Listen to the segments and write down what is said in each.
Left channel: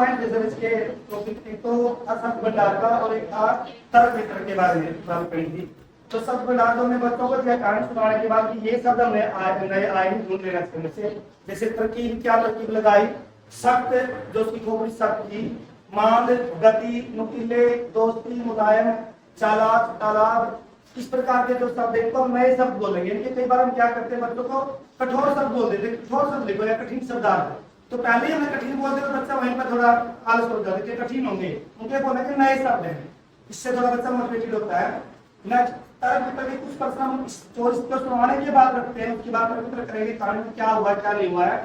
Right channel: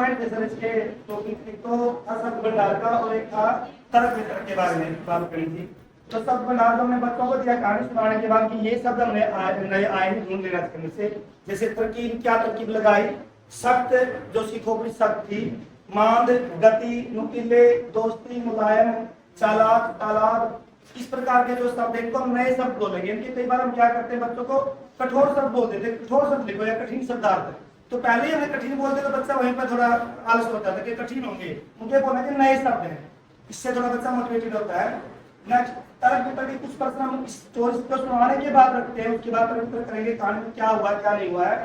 Point थे sir इसके topic. एक तो शब्द भंडार का और एक था तर्क वितरक के बारे में बात करनी थी। तो शब्द भंडार तो हमने बच्चों को दिया कहानी सुनाने के बाद कि ये शब्द हमने नए आए ही ढूंढ लेना चाहिए से। जैसे तरकीब, क्या तरकीब लगाई, सख्त जो उसकी खोपड़ी सख्त थी, मांद, गति, नुकीले, दोस्ती, मुलायम, चालाक, तालाब, इस प्रकार के जो शब्द हैं तो नए शब्द बोलेंगे। इनके कई बार हम क्या करते हैं, बच्चों को कठोर शब्द बोल देते, कठोर शब्द लिखो या कठिन शब्दार्थ, तो पहले ही हमें कठिन बोलते तो बच्चा वहीं पर थोड़ा आलस हो जाता है कि कठिन होंगे, उनके बोलना कि नए शब्द हैं, इससे थोड़ा बच्चा मोटिवेटेड होता है। नेक्स्ट, तर्क वितर्क के कुछ प्रश्न हम स्टोरी को सुनाने के बाद रखते हैं, उसके बाद तर्क वितर्क करेंगे कहानी में क्या हुआ क्या नहीं हुआ है।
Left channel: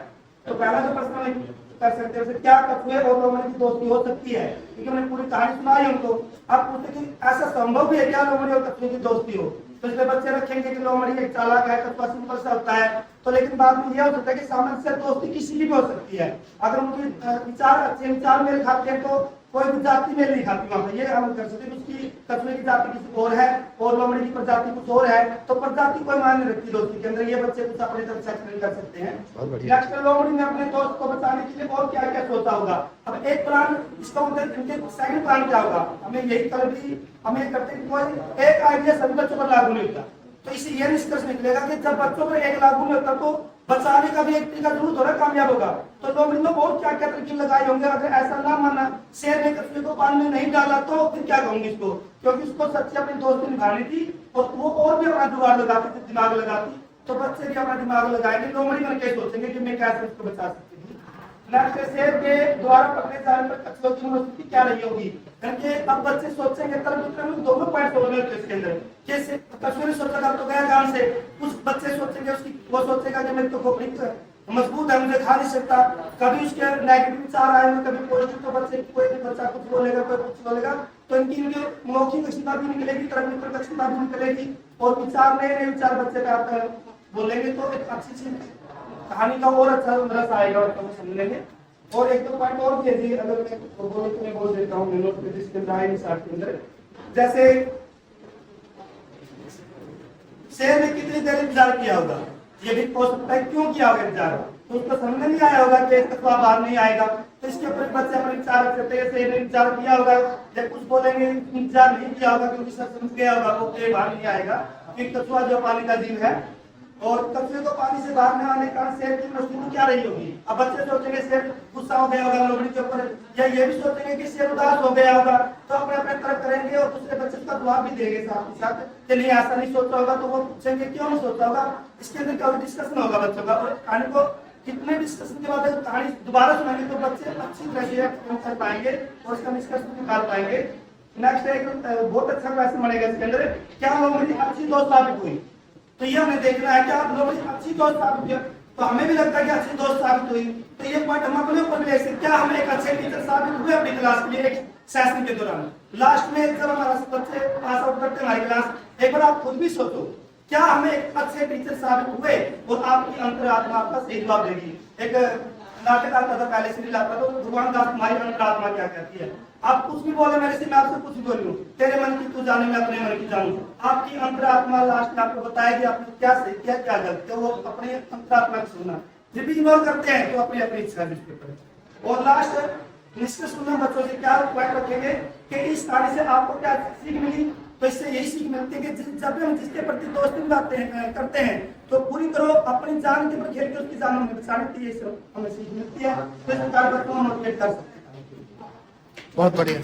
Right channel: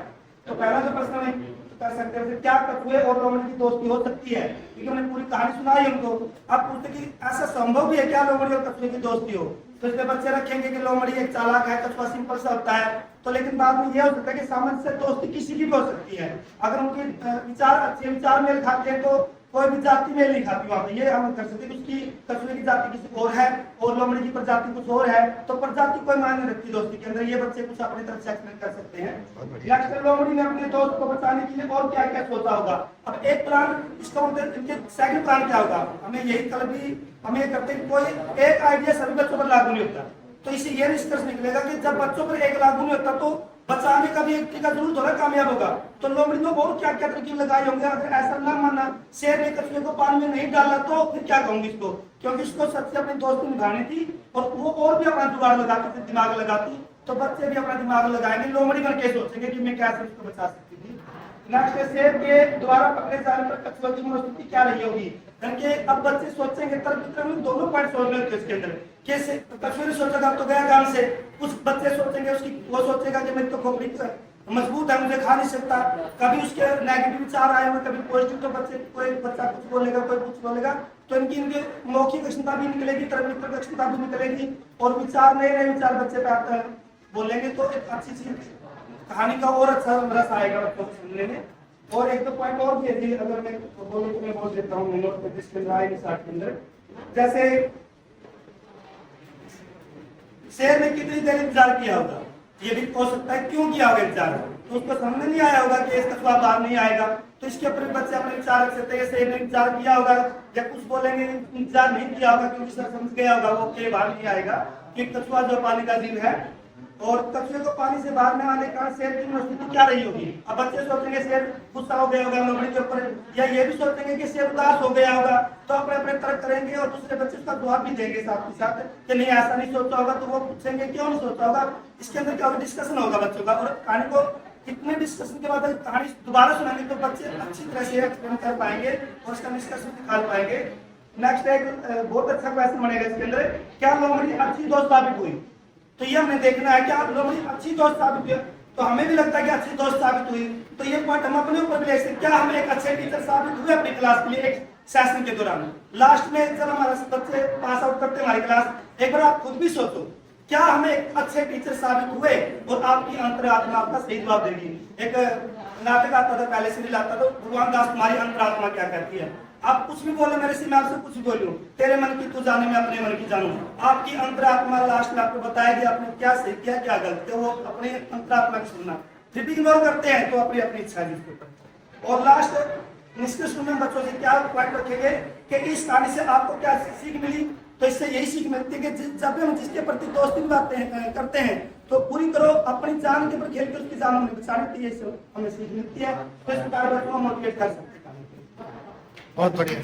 तो पहला जो प्रश्न हम कर सकते हैं, क्या कछुए और लोमड़ी की दोस्ती हो सकती है, क्योंकि हमने पूरी कहानी सुनाई उनको। अब पूछते कि ऐसा संभव भी है क्या लोमड़ी और कछुए की दोस्ती हो, तो इसमें बच्चे रखेंगे कि लोमड़ी एक चालाक है, कछुआ सिंपल सा होता है। तो लेकिन बाद में यह हो सकता है कि सामंजस्य दोस्ती किसी की भी हो सकती है, अगर उनके विचार अच्छे विचार मेल खाते हैं तो कोई भी जाति मेल नहीं खाती वहां पे, ये हम कर सकते हैं। उसकी कछुए की जाति किसी और है और लोमड़ी की प्रजाति कुछ और है, तो प्रजाति कोई मायने रखती दोस्ती के अंदर, ये बच्चे कुछ अपनी तरफ से एक्सप्लेन कर सकते हैं। नेक्स्ट, लोमड़ी ने अपने दोस्त को बचाने के लिए और क्या क्या सोचा होगा। अब एक प्लान, इसका मतलब इनके सेकंड प्लान क्या होगा, हमें यही कल भी हम ये करते हैं, कोई एक आइडिया सभी बच्चों पर लागू नहीं होता। तो इसे यह निष्कर्ष निकलेगा कि जब बच्चों पर एक लागू नहीं होता तो बचाने का भी एक तरीका जरूर थोड़ा कामयाब होगा। तो लोमड़ी ने और क्या क्या तरकीब लगाए होंगे, अगर ऐसा ना माना शेर ने कछुए को पानी में नहीं डाला तो फिर क्या कहूंगी इसको, क्योंकि उसको सच्ची अपनी दोस्ती निभानी थी और वो और भी अपना जुगाड़ लगाती थी, दिमाग लगाती, तो बच्चे भी अपना दिमाग लगाएंगे, लोमड़ी बन के सोचेंगे कि मैं कैसे उसको बचा सकती थी। नेक्स्ट, शेर के द्वारा पकड़े जाने पर कछुए की मनोस्थिति क्या रही होगी, क्योंकि अब बच्चे सोचेंगे तर्क वितर्क में दोनों पॉइंट सोचने होते हैं इसके अंदर। कैसे कछुए ने सोचेगा तो गया गांव से, कुछ बच्चे सोचेंगे उसकी, वो सोचेगा कि मेरी तो खोपड़ी मजबूत है, मुझे खा नहीं सकता, कभी उसके नेगेटिव विचार आए हुए कभी पॉजिटिव, तो बच्चे कोई बच्चा कुछ बोलेगा कोई कुछ बोलेगा, तो इनकी मौखिक क्षमता भी निकलेगी, तर्क वितर्क क्षमता भी निकलेगी और विचार नए नए विचार बच्चे पे आता है बोलेंगे, तो एक अच्छी चीज कहानी का और अच्छा रस आएगा बच्चों को समझने में। और एक दो पॉइंट और भी है, अगर मैं बोलूं तो मैं बोल देता हूँ नोट पे जिसके अंदर आए निशान के अंदर। जैसे शेर ने कितनी देर इंतजार किया होगा, ये भी हो सकता है क्यों किया होगा इंतजार, तो उसको समझ नहीं आया होगा कि इसका कछुआ बाहर नहीं आएगा, तो इसके ऊपर बच्चे अपने विचार रख सकते हैं। शेर ने इंतजार किया होगा, या कुछ बोलेंगे इंतजार नहीं किया होगा क्योंकि सर समझ गया होगा वो के बाहर नहीं आएगा, क्योंकि कछुआ जो पानी का जीव है। और कछुए को पानी से बाहर में आने का शेर की मनोस्थिति क्या रही होगी, अब बच्चे सोचेंगे शेर गुस्सा हो गया होगा लोमड़ी के ऊपर, या ये भी सोचेंगे कि शेर उदास हो गया होगा, तो अपने अपने तर्क करेंगे और दूसरे बच्चे उसका जवाब भी देंगे साथ ही साथ कि नहीं ऐसा नहीं सोचा होगा, तो वो पूछेंगे क्यों नहीं सोचा होगा। इसके अंदर क्या होगा, डिस्कशन होगा बच्चों का, और कहानी को कितने डिस्कशन के बाद कहानी दोबारा सुनाएंगे तो बच्चे अच्छी तरह से एक्सप्लेन कर पाएंगे और उसका निष्कर्ष निकाल पाएंगे। नेक्स्ट एक बहुत अच्छा क्वेश्चन बनेगा इसके अंदर, क्या लोमड़ी अच्छी दोस्त साबित हुई, तो ये हमें देखना है क्या लोमड़ी अच्छी दोस्त साबित हुई, तो हमें भी लगता है कि अच्छी दोस्त साबित हुई, तो ये पॉइंट हम अपने ऊपर भी ले सकते, क्या हम एक अच्छे टीचर साबित हुए अपनी क्लास के लिए एक सेशन के दौरान। लास्ट में जब हमारा बच्चे पास आउट करते हैं हमारी क्लास, एक बार आप खुद भी सोचो क्या हम एक अच्छे टीचर साबित हुए, और आपकी अंतरात्मा आपका सही जवाब देगी। एक नाटक आता था पहले, सीरियल आता था, भगवान दास तुम्हारी अंतरात्मा क्या कहती है, आप कुछ भी बोले मेरे से, मैं आपसे कुछ भी बोलूं, तेरे मन की तू जाने मैं अपने मन की जानूं, आपकी अंतरात्मा लास्ट में आपको बताएगी आपने क्या सही किया क्या गलत किया, वो अपने अंतरात्मा को सुनना, फिर भी इग्नोर करते हैं तो अपनी अपनी इच्छा है। और लास्ट निष्कर्ष में बच्चों से क्या पॉइंट रखेंगे कि इस कहानी से आपको क्या सीख मिली, तो इससे यही सीख मिलती है कि जब भी हम जिसके प्रति दोस्ती करते हैं तो पूरी तरह अपनी जान के ऊपर खेल के उसकी जान हमें बचानी चाहिए, इससे हमें सीख मिलती है, तो इस प्रकार को मोटिवेट कर सकते हैं। बहुत बढ़िया।